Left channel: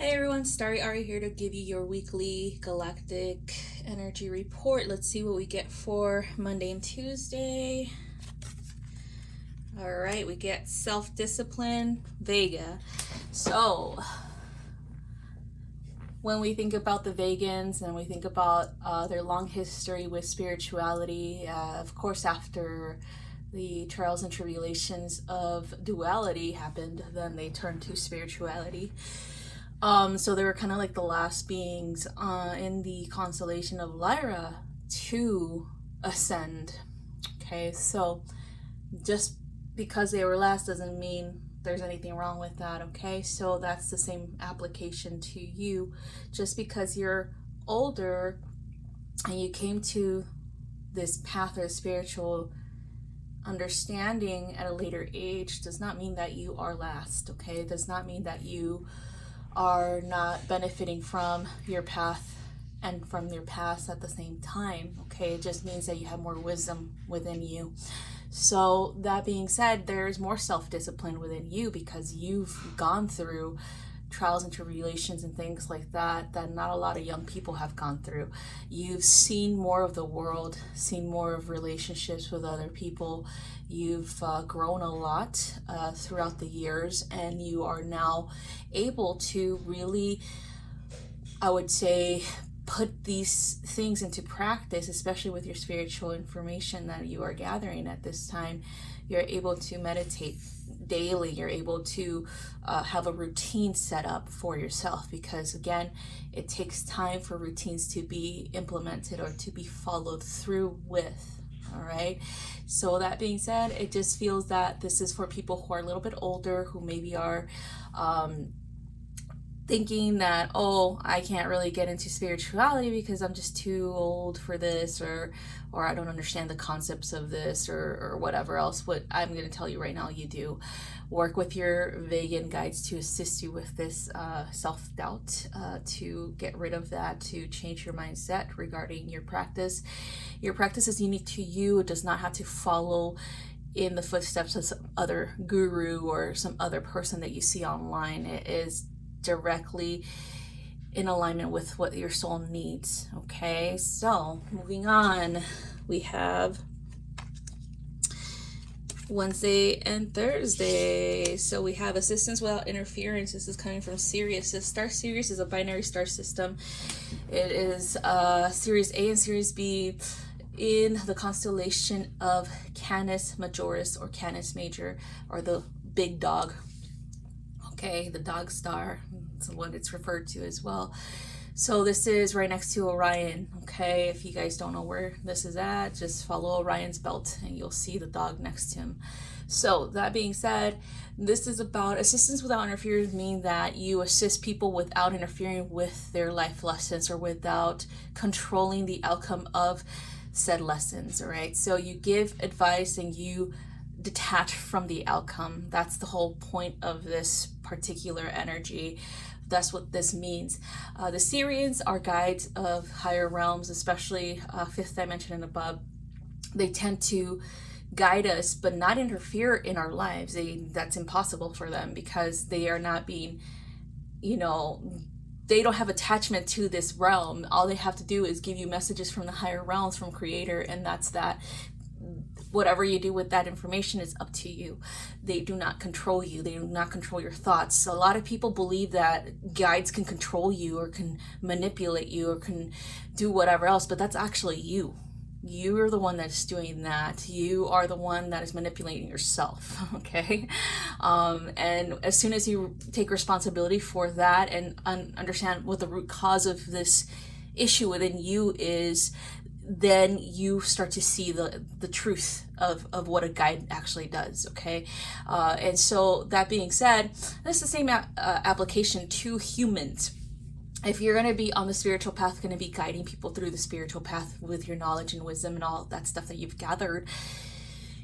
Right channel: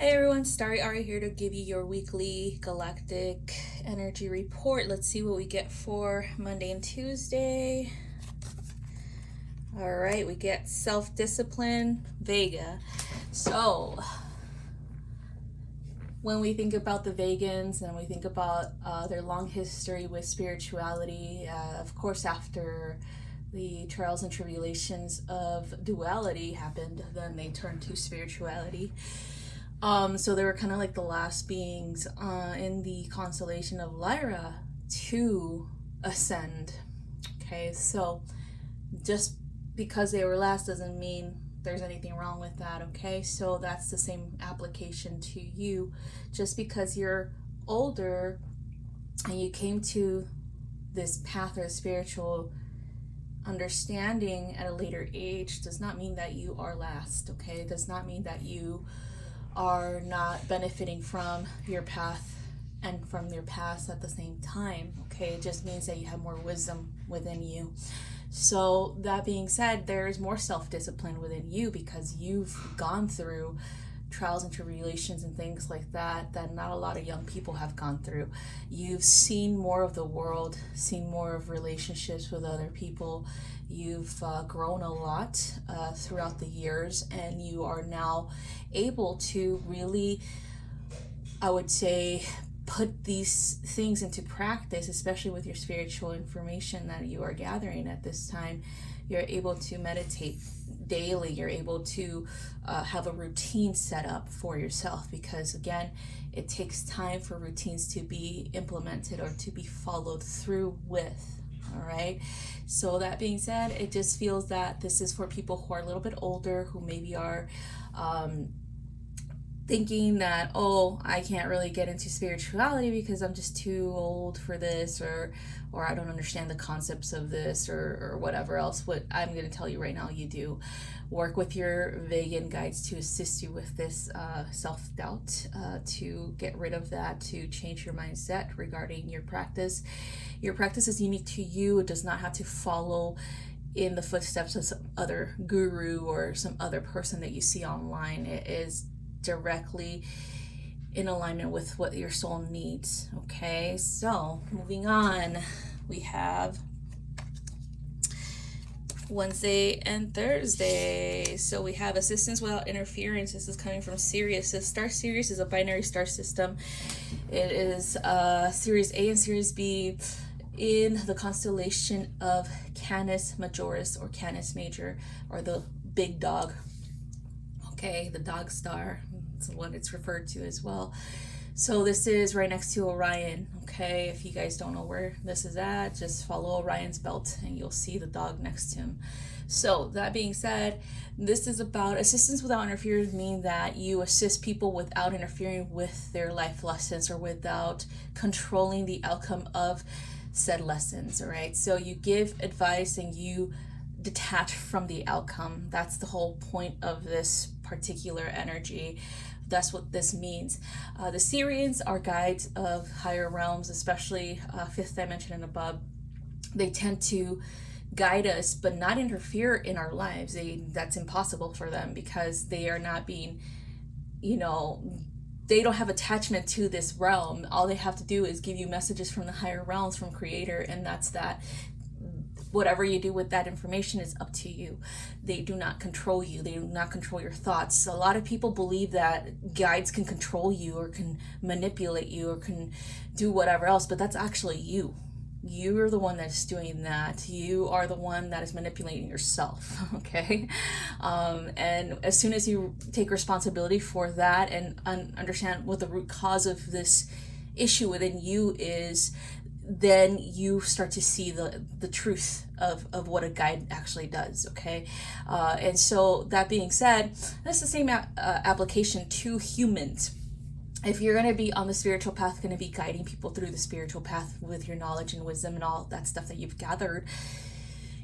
Hey everyone, StariAri here to give you your weekly Galactic energy report. Let's see what we get for Monday and Tuesday. All right, we get self-discipline, Vega. So when we think about the Vegans and we think about their long history with spirituality, of course after the trials and tribulations of duality happened, then they turned to spirituality. So they were kind of like the last beings in the constellation of Lyra to ascend. Okay, so just because they were last doesn't mean there's anything wrong with that. Okay, so that's the same application to you. Just because you're older and you came to this path of spiritual understanding at a later age does not mean that you are last. Okay, it does not mean that you are not benefiting from your path and from your past at the same time. Okay, it just means that you have more wisdom within you. So that being said, there's more self-discipline within you because you've gone through trials and tribulations and things like that not a lot of young people have gone through. You've seen more of the world, seen more of relationships with other people. You've grown a lot throughout the years, and you are now able to really, I would say, put these things into practice, especially with your spiritual information that you are gathering at this time. You're able to meditate daily. You're able to have a routine set up for yourself, because again, it takes time for routines to be implemented or to be followed through with. All right, so that being said, it just feels that this is for people who are a little bit older, who maybe are thinking that, oh, I can't really get into spirituality because I'm just too old for this, or I don't understand the concepts of this, or whatever else. What I'm going to tell you right now, you do. Work with your vegan guides to assist you with this self-doubt, to get rid of that, to change your mindset regarding your practice. Your practice is unique to you. It does not have to follow in the footsteps of some other guru or some other person that you see online. It is directly in alignment with what your soul needs. Okay, so moving on, we have Wednesday and Thursday. So we have assistance without interference. This is coming from Sirius. So StariAri is a binary star system. It is Series A and Series B in the constellation of Canis Majoris or Canis Major, or the big dog. Okay, the dog star, that's what it's referred to as well. So this is right next to Orion. Okay, if you guys don't know where this is at, just follow Orion's belt and you'll see the dog next to him. So that being said, this is about assistance without interference, meaning that you assist people without interfering with their life lessons or without controlling the outcome of said lessons. All right, so you give advice and you detach from the outcome. That's the whole point of this particular energy. That's what this means. The Sirians are guides of higher realms, especially fifth dimension and above. They tend to guide us but not interfere in our lives. That's impossible for them because they are not being, they don't have attachment to this realm. All they have to do is give you messages from the higher realms, from Creator, and that's that. Whatever you do with that information is up to you. They do not control you. They do not control your thoughts. A lot of people believe that guides can control you or can manipulate you or can do whatever else, but that's actually you. You are the one that's doing that. You are the one that is manipulating yourself, okay? And as soon as you take responsibility for that and understand what the root cause of this issue within you is, then you start to see the truth of what a guide actually does, okay? And so that being said, that's the same application to humans. If you're going to be on the spiritual path, going to be guiding people through the spiritual path with your knowledge and wisdom and all that stuff that you've gathered,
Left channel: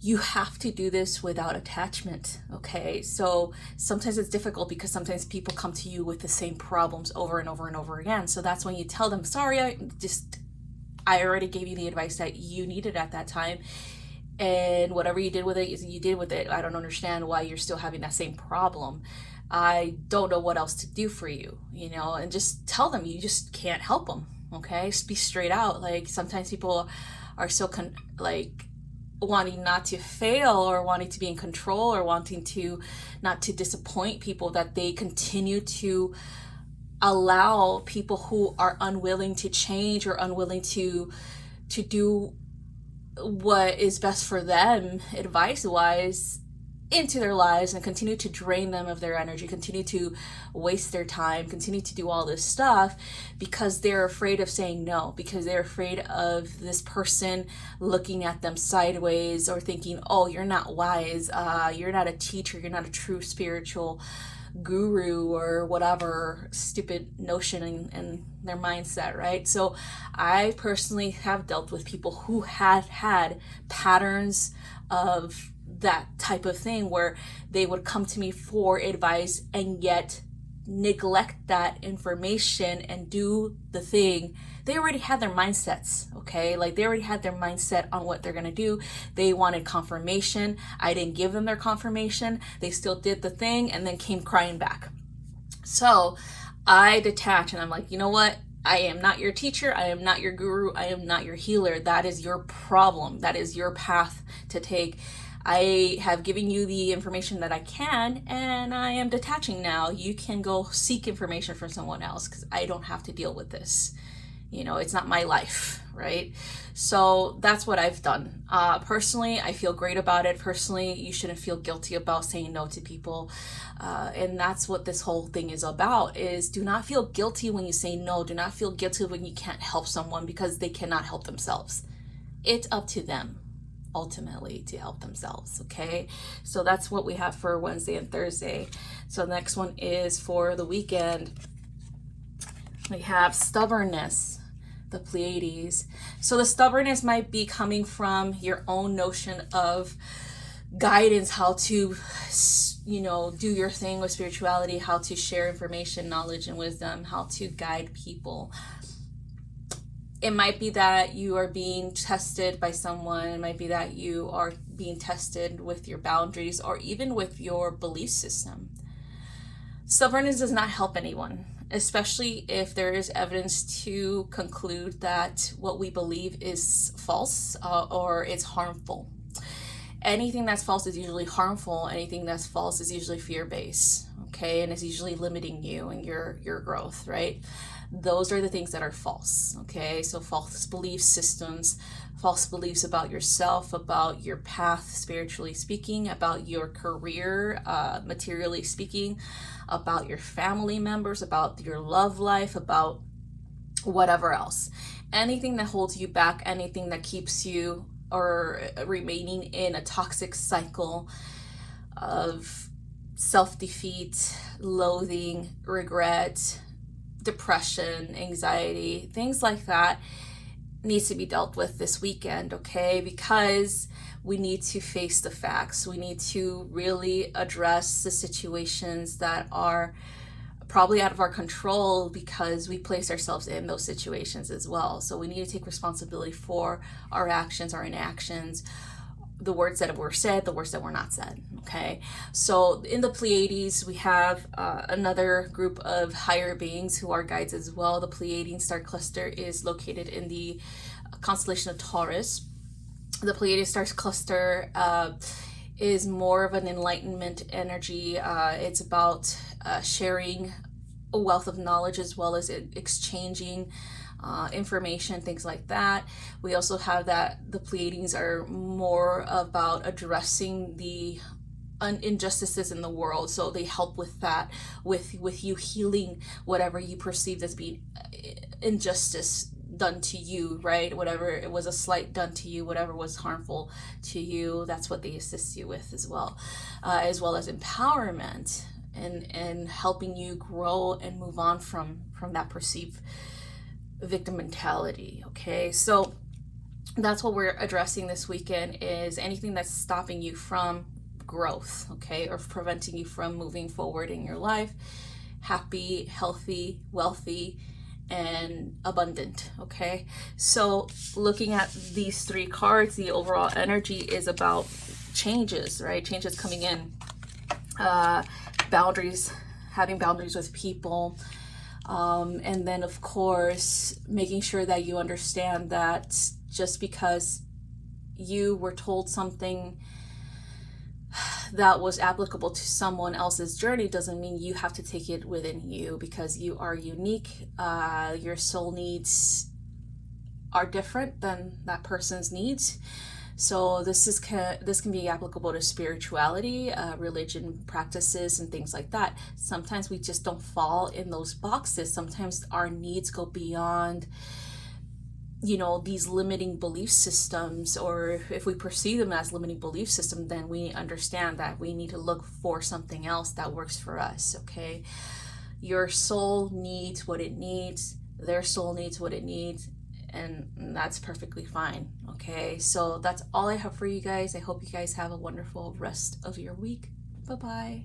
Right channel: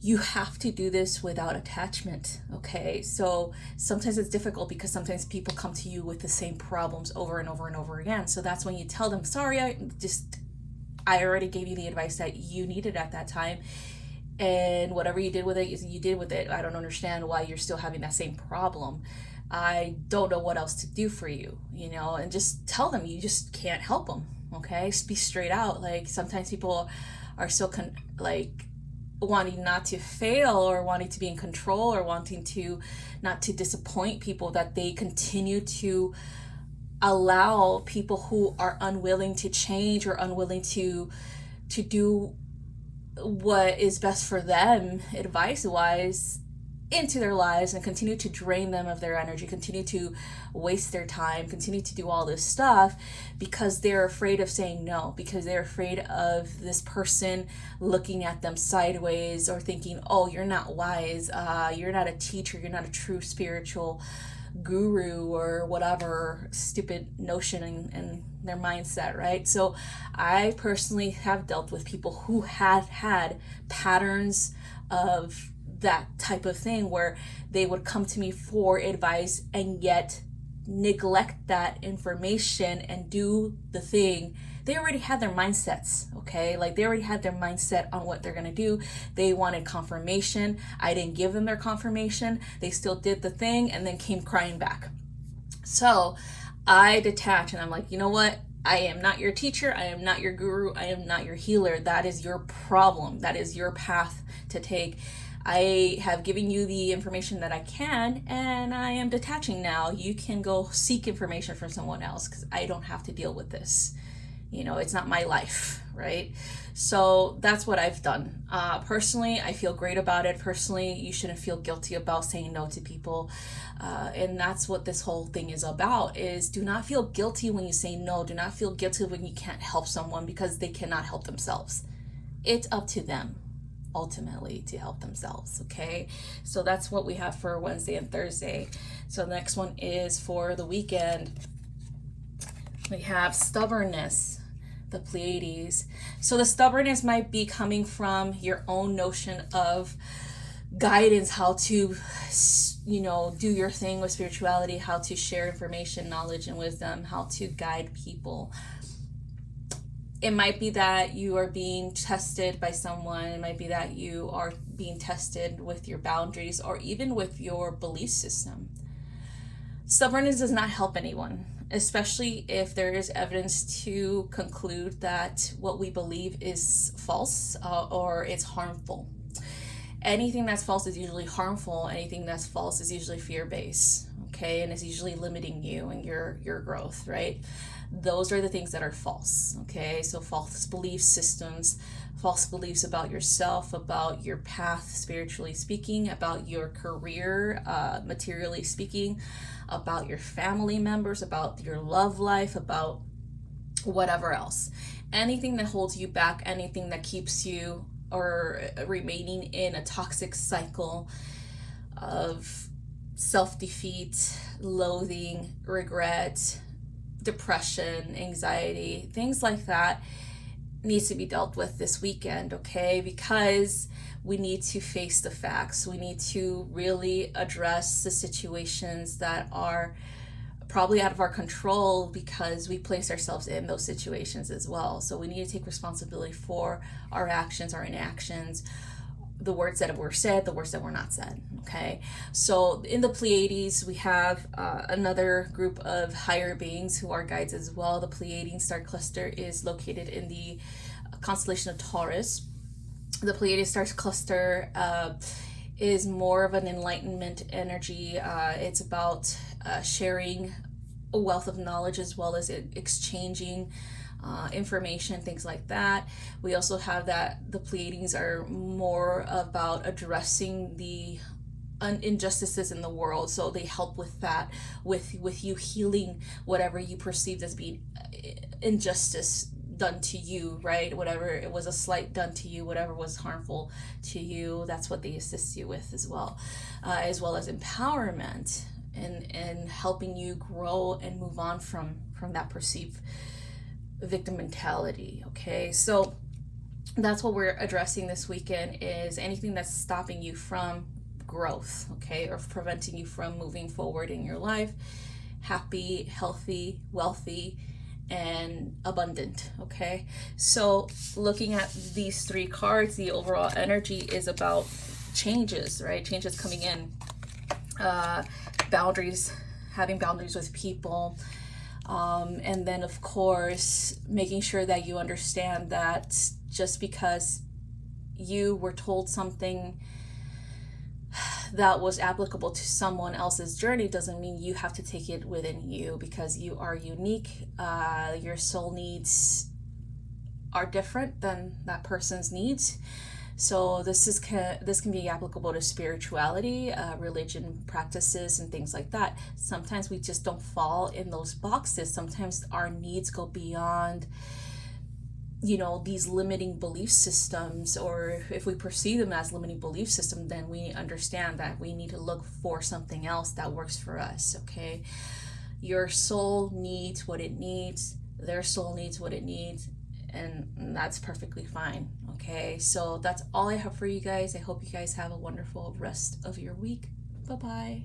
you have to do this without attachment, okay? So sometimes it's difficult because sometimes people come to you with the same problems over and over and over again. So that's when you tell them, sorry, I already gave you the advice that you needed at that time, and whatever you did with it, you did with it. I don't understand why you're still having that same problem. I don't know what else to do for you, you know, and just tell them you just can't help them. Okay, just be straight out. Like sometimes people are so like wanting not to fail, or wanting to be in control, or wanting to not to disappoint people, that they continue to allow people who are unwilling to change or unwilling to do what is best for them advice wise into their lives, and continue to drain them of their energy, continue to waste their time, continue to do all this stuff, because they're afraid of saying no, because they're afraid of this person looking at them sideways, or thinking, oh, you're not wise, you're not a teacher, you're not a true spiritual guru, or whatever stupid notion in their mindset, right? So I personally have dealt with people who have had patterns of that type of thing, where they would come to me for advice and yet neglect that information and do the thing. They already had their mindsets, okay? Like they already had their mindset on what they're gonna do. They wanted confirmation. I didn't give them their confirmation. They still did the thing and then came crying back. So I detach, and I'm like, you know what? I am not your teacher. I am not your guru. I am not your healer. That is your problem. That is your path to take. I have given you the information that I can, and I am detaching now. You can go seek information from someone else, because I don't have to deal with this. You know, it's not my life, right? So that's what I've done. Personally, I feel great about it. Personally, you shouldn't feel guilty about saying no to people. And that's what this whole thing is about, is do not feel guilty when you say no. Do not feel guilty when you can't help someone because they cannot help themselves. It's up to them ultimately to help themselves. Okay, so that's what we have for Wednesday and Thursday. So the next one is for the weekend. We have stubbornness, the Pleiades. So the stubbornness might be coming from your own notion of guidance, how to, you know, do your thing with spirituality, how to share information, knowledge, and wisdom, how to guide people. It might be that you are being tested by someone. It might be that you are being tested with your boundaries, or even with your belief system. Stubbornness does not help anyone, especially if there is evidence to conclude that what we believe is false, or it's harmful. Anything that's false is usually harmful. Anything that's false is usually fear-based, okay? And it's usually limiting you and your growth, right? Those are the things that are false, okay? So false belief systems, false beliefs about yourself, about your path spiritually speaking, about your career materially speaking, about your family members, about your love life, about whatever else. Anything that holds you back, anything that keeps you or remaining in a toxic cycle of self-defeat, loathing, regret, depression, anxiety, things like that needs to be dealt with this weekend, okay? Because we need to face the facts. We need to really address the situations that are probably out of our control, because we place ourselves in those situations as well. So we need to take responsibility for our actions, our inactions, the words that were said, the words that were not said, okay? So in the Pleiades, we have another group of higher beings who are guides as well. The Pleiadian star cluster is located in the constellation of Taurus. The Pleiadian star cluster is more of an enlightenment energy. It's about sharing a wealth of knowledge, as well as exchanging information, things like that. We also have that the Pleiadians are more about addressing the injustices in the world, so they help with that, with you healing whatever you perceived as being injustice done to you, right? Whatever it was, a slight done to you, whatever was harmful to you, that's what they assist you with as well as empowerment and helping you grow and move on from that perceived victim mentality. Okay, so that's what we're addressing this weekend, is anything that's stopping you from growth, okay, or preventing you from moving forward in your life, happy, healthy, wealthy, and abundant. Okay, so looking at these three cards, the overall energy is about changes, right? Changes coming in. boundaries, having boundaries with people. And then, of course, making sure that you understand that just because you were told something that was applicable to someone else's journey doesn't mean you have to take it within you, because you are unique. Your soul needs are different than that person's needs. So this can be applicable to spirituality, religion practices, and things like that. Sometimes we just don't fall in those boxes. Sometimes our needs go beyond, these limiting belief systems, or if we perceive them as limiting belief system, then we understand that we need to look for something else that works for us. Okay, your soul needs what it needs, their soul needs what it needs, and that's perfectly fine. Okay, so that's all I have for you guys. I hope you guys have a wonderful rest of your week. Bye bye.